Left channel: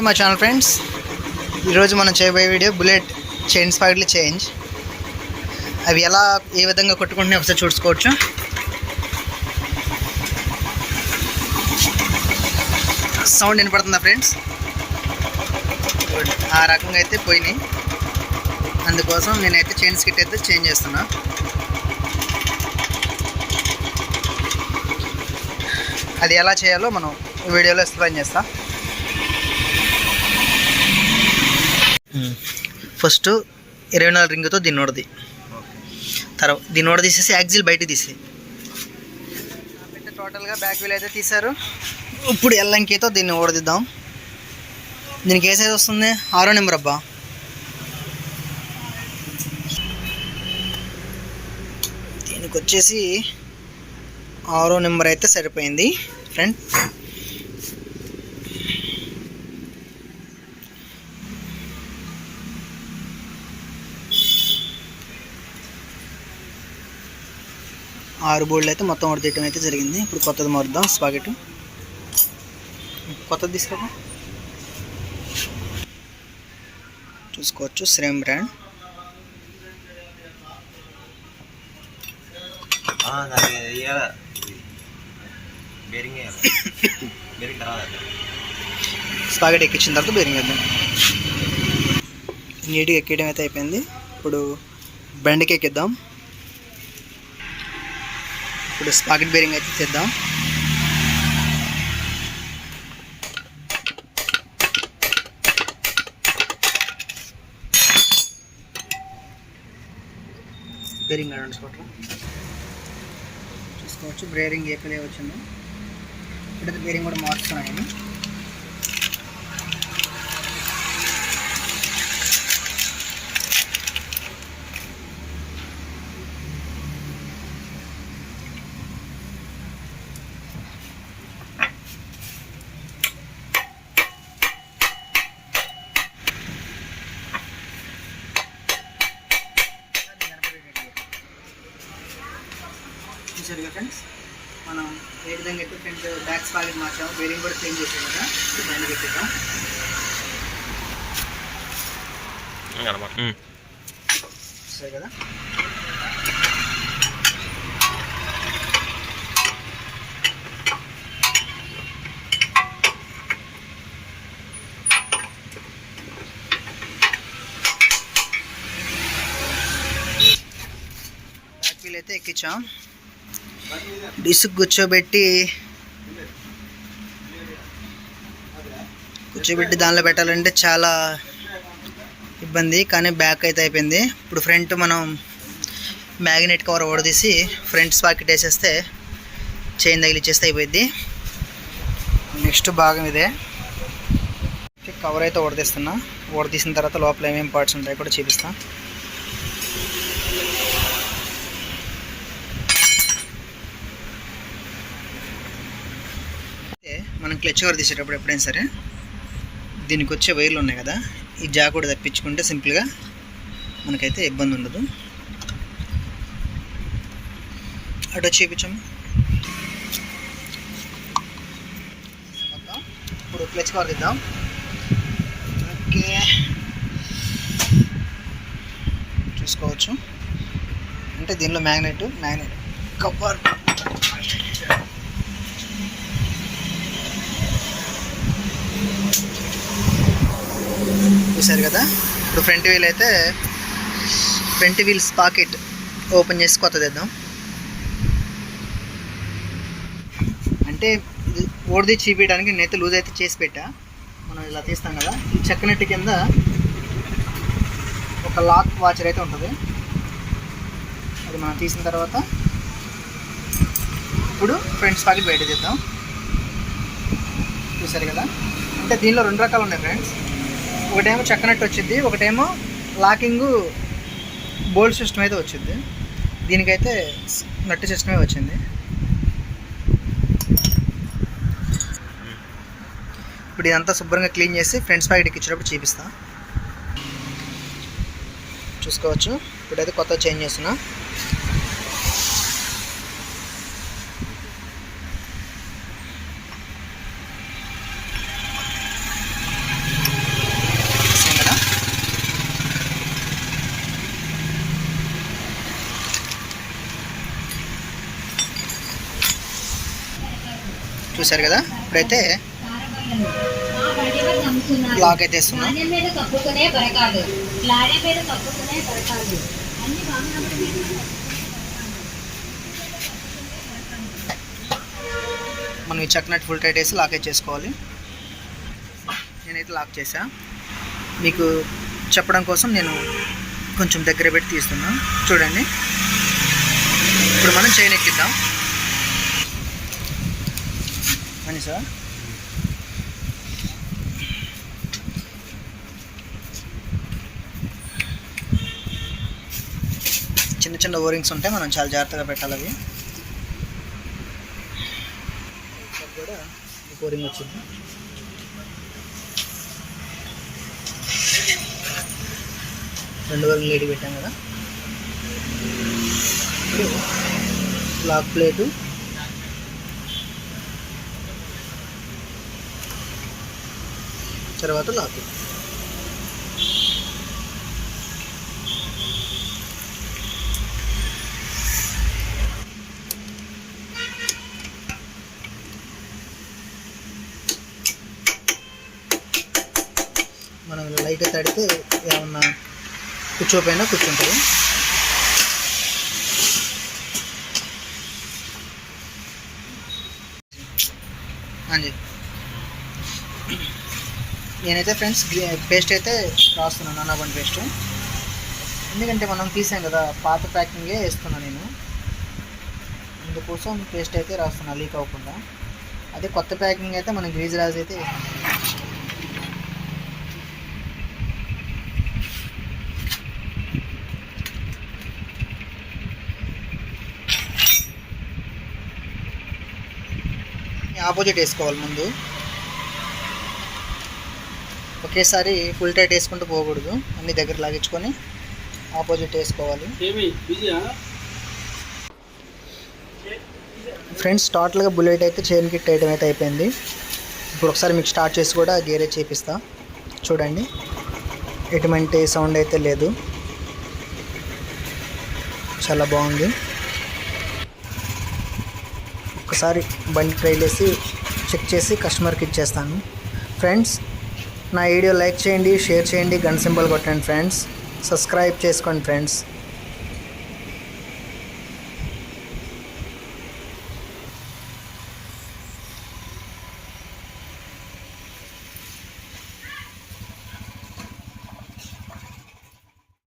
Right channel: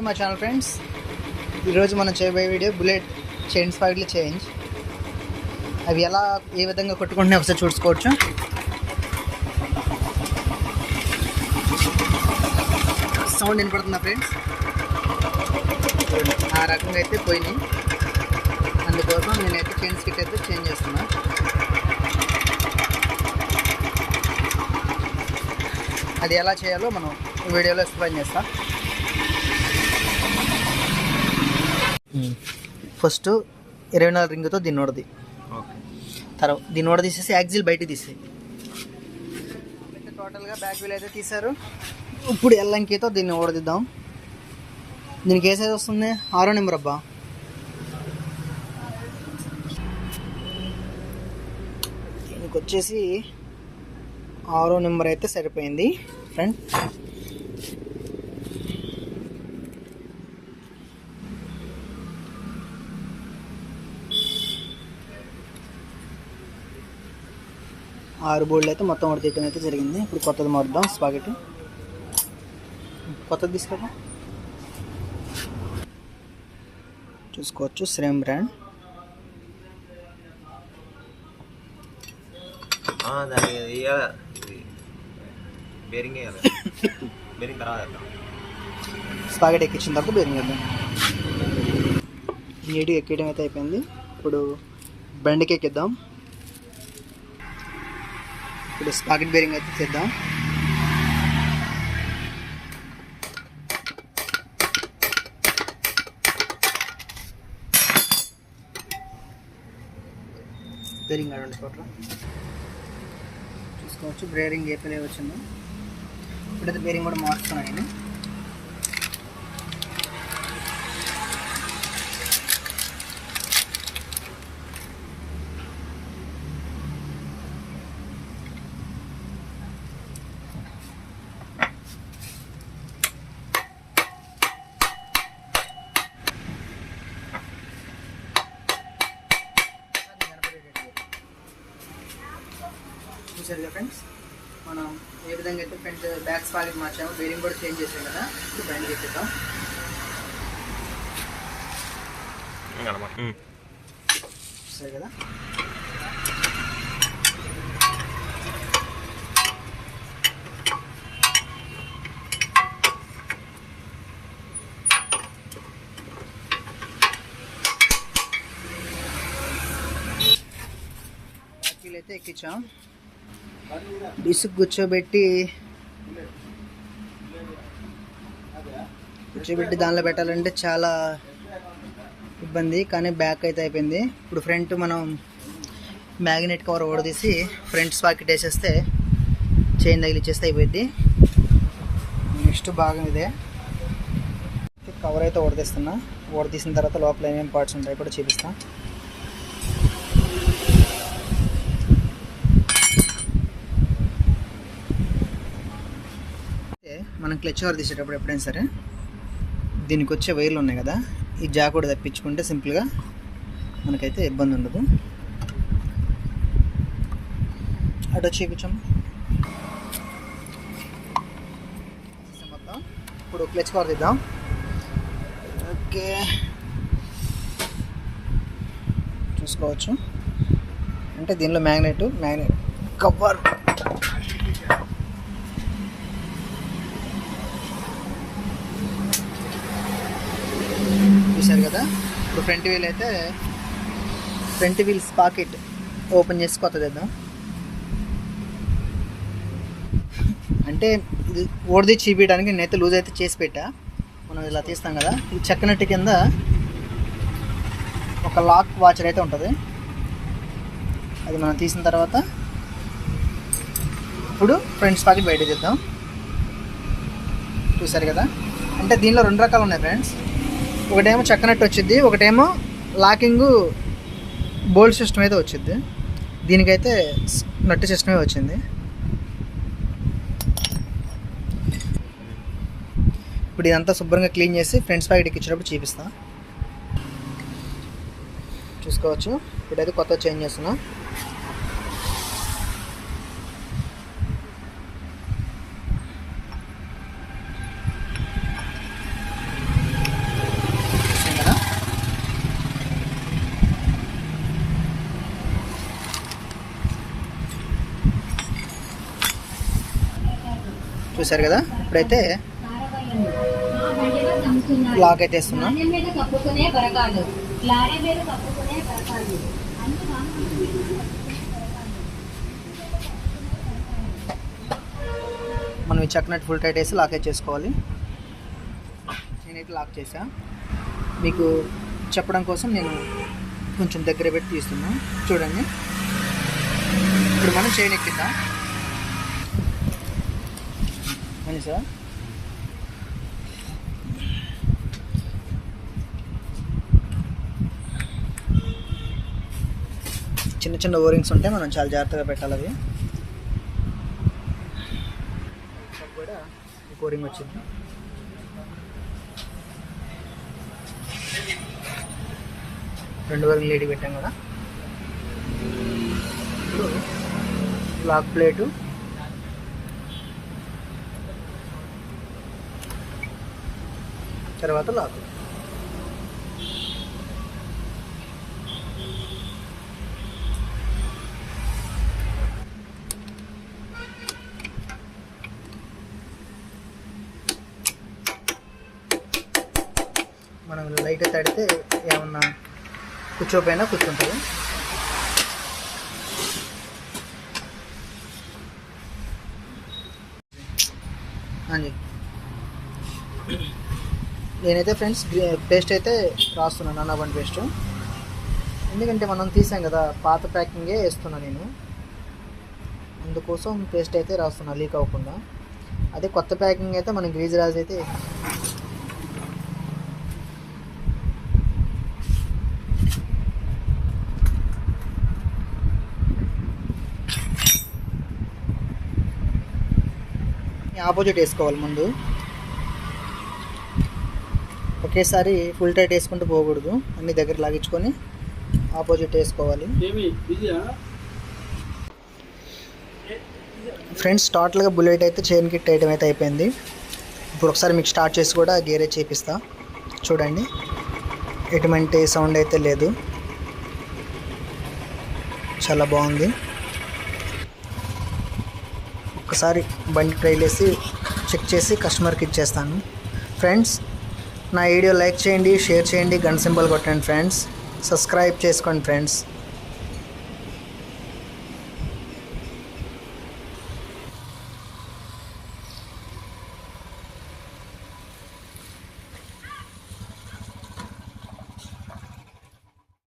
మా channel friends, ఈరోజు మనం చేయబోయే వీడియో బుల్లెట్ చైన్ స్పాకెట్లు చేంజ్. అవి ఏ విధంగా కొట్టుకుంటున్నాయి ఒకసారి చూసుకోవచ్చు. సౌండ్ వినపడుతుందా ఫ్రెండ్స్? ఆ రకంగా అయితే పోయినాయి. అందుకోసం నేనైతే చైన్ స్కిట్ అయితే చేంజ్ చేస్తున్నా. అది ఎలా చేయాలో మనం ఈ వీడియోలో ఎక్స్ప్లెయిన్ చేస్తా. ఫస్ట్ 24 రింగ్తో దీన్ని ఓడది, తర్వాత దీన్ని ఓడ తీసేసి యాక్సిల్ బయట తీసి టోటల్గా బ్యాక్ వీల్ అయితే తీశారు. ఇప్పుడు ఎల్లంకితో దీన్ని ఓడదిద్దాం. దీనికి ఏ సైజ్ వస్తుంది? 6వ నెంబర్ అబ్బా. దీనికి వచ్చేసి 6వ నెంబర్ అయితే సరిపోయింది ఫ్రెండ్. ఆరు బోర్డులు అయితే మొత్తం తీయటం అయితే జరిగింది. ఇప్పుడు కొత్తది మారుద్దాం. స్పాకెట్ కొత్తది తీసుకురా. చూసుకోవచ్చు, సేమ్ బ్రాండ్. స్పాకెట్ ఎక్కించిన తర్వాత బేరింగ్ వేద్దాం. నీట్గా ఎక్కియడం అయితే అయిపోయింది. ఇప్పుడు బెండ్కి ఎక్కిద్దాం. ఇప్పుడు స్పాకెట్ బేరింగ్ అయితే చేద్దాం. బేరింగ్ చూసుకోవచ్చు, బేరింగ్ ఏ పిల్లే వచ్చింది. ఇప్పుడైతే బేరింగ్ కూడా మార్చుకున్నాను నేను. చూసారుగా ఫ్రెండ్స్, మనం ఏ విధంగా అయితే ఫ్రంట్ బ్యాక్ స్పాకెట్ మార్చాము, బేరింగ్ కూడా చేంజ్ చేసాం కదా. ఇప్పుడు బండి పెట్టిద్దాం. సరే కదా. బ్యాక్ వీల్ అయితే ఎక్కించాం. డిస్క్ కూర్చోబెట్టి దానిలో పెట్టాలంటే చాలా ఇబ్బంది, కానీ బ్యాక్ అయితే అయిపోయింది. ఇప్పుడు ఫ్రంట్ మనం మ్యాగ్నెట్ కవర్ ఓడదీసి ఫ్రంట్ స్పాకెట్ వేసేస్తే చైన్ తగిలిచ్చేస్తే అయిపోయింది. నెక్స్ట్ భాగం ఇదే. కవర్ అయితే ఓడదీసిన తర్వాత లోపల ఏమేమి పార్ట్స్ ఉంటాయి కూడా చూపిస్తాను. మనం క్లచ్ కవర్ తీసేటప్పుడు ఎప్పుడైనా సరే దీనికి వచ్చే వైర్లు ఉన్నాయి కదా, ఈ జాక్ కూడా తప్పించుకుంటే సింపుల్గా మనకైతే ఇబ్బంది ఉండదు. అటు చూపించాము మొత్తం. ఇప్పుడు క్లచ్ కవర్ తీద్దాం. ఓకే, చూసుకోవచ్చు. అంటే దీనిలో మ్యాగ్నెట్ కవర్ చూసారు కదా. ఇప్పుడు ఫ్రంట్ వీల్ స్పాకెట్ ఓపెన్ చేసి కొత్తది వేద్దాం. అంటే ఇది ఓడిది చీపేయడానికి నేనైతే లూజ్ అయితే చేసి పెట్టా. మనం ఇలా తీస్తాం కదా, ఈ చెక్కనట్టు కింద ఒక లాక్ వాచర్ అయితే ఉంటుంది. అది మనం తీసిన తర్వాత ఇప్పుడు ఫ్రంట్ స్పాకెట్ బయట తీద్దాం. చూసారు కదా. అంటే దీనిలో 2 రకాలు ఉన్నాయి ఫ్రెండ్స్. ఒకటేమో చక్కనట్టు వచ్చింది, ఒకటేమో లాకింగ్ బోల్ట్ సిస్టమ్ అయితే వచ్చింది. దీనికైతే నట్టు సిస్టమే వచ్చింది. ఇప్పుడు ఇదంతా శుభ్రంగా క్లీన్ చేసి ఫ్రంట్ స్పాకెట్ ఎక్కించేటప్పుడు చూపిస్తా. చూసుకోవచ్చు, ఇప్పుడైతే కొత్త చేంజ్ చేస్తున్నా. చూసారు కదా. ఇప్పుడైతే లాక్ అయితే వేస్తున్నా. మనం ఈ చక్కనట్టు ఫుల్ టైట్ వేసి లాక్ అయితే చేసుకోవాలి. నేనైతే లాక్ చేసా. మీకు చెప్పడం కోసం నేను కొంచెం దగ్గర పెట్టి తీస్తున్నా. చూడండి, ఇప్పుడు మనం చైన్ ఎక్కిద్దాం. అని సార్ చిన్న చిన్న ఓరింగ్స్ ఉంటాయి, మనం చాలా జాగ్రత్తగా పెట్టాలి. అవి కూడా ఓరింగ్ వచ్చింది. రెండు వరకు లేడీ పెట్టాం కదా. ఇప్పుడు లాక్ ప్లేటు, తర్వాత లాక్. మనం లైట్ తడితే ఏమన్నా కూర్చోపోయినా కూర్చుంటుంది. అండి నేనైతే ఫ్రెండ్స్ పేస్ట్ అయితే రాస్తున్నాను, నానాబండి పేస్ట్. ఎందుకంటే మనం తీసాం కదా, పాత ప్యాకింగే వేస్తున్నాను నేను. అందుకోసం పేస్ట్ అయితే రాస్తున్నా లీక్ అవ్వకుండా. అదే కొత్త ప్యాకింగ్ అయితే మనం గ్రీజ్ రాజ్ అయితే ఆపోజిట్ వేసుకోవాలి. ముందు ఒకేసారి ఫుల్ టైట్ వేసుకుంటూ పోకూడదు, అన్ని దగ్గర లాగించుకొని ఆపోజిట్ వేసుకోవాలి. ఫ్రెండ్స్, టోటల్గా బుల్లెట్ అయితే చైన్ కిట్ ఐటమ్ అయితే అయిపోయింది. ఇప్పుడు ఒకసారి మీకు స్టార్ట్ చేసి కూడా గేర్ అయితే చేపిస్తా. చూడండి, ఎటువంటి సౌండ్ అయితే లేదు, చాలా బాగుంది. ఒకసారి బండి ట్రైల్ వేసి చెక్ చేసి కస్టమర్కి ఇచ్చేస్తాను. ఫ్రెండ్స్, నా వీడియో లైక్ చేయండి, షేర్ చేయండి, గన్ సింబల్ కొట్టండి ఫ్రెండ్స్, సబ్స్క్రైబ్ చేసుకోండి ఫ్రెండ్స్.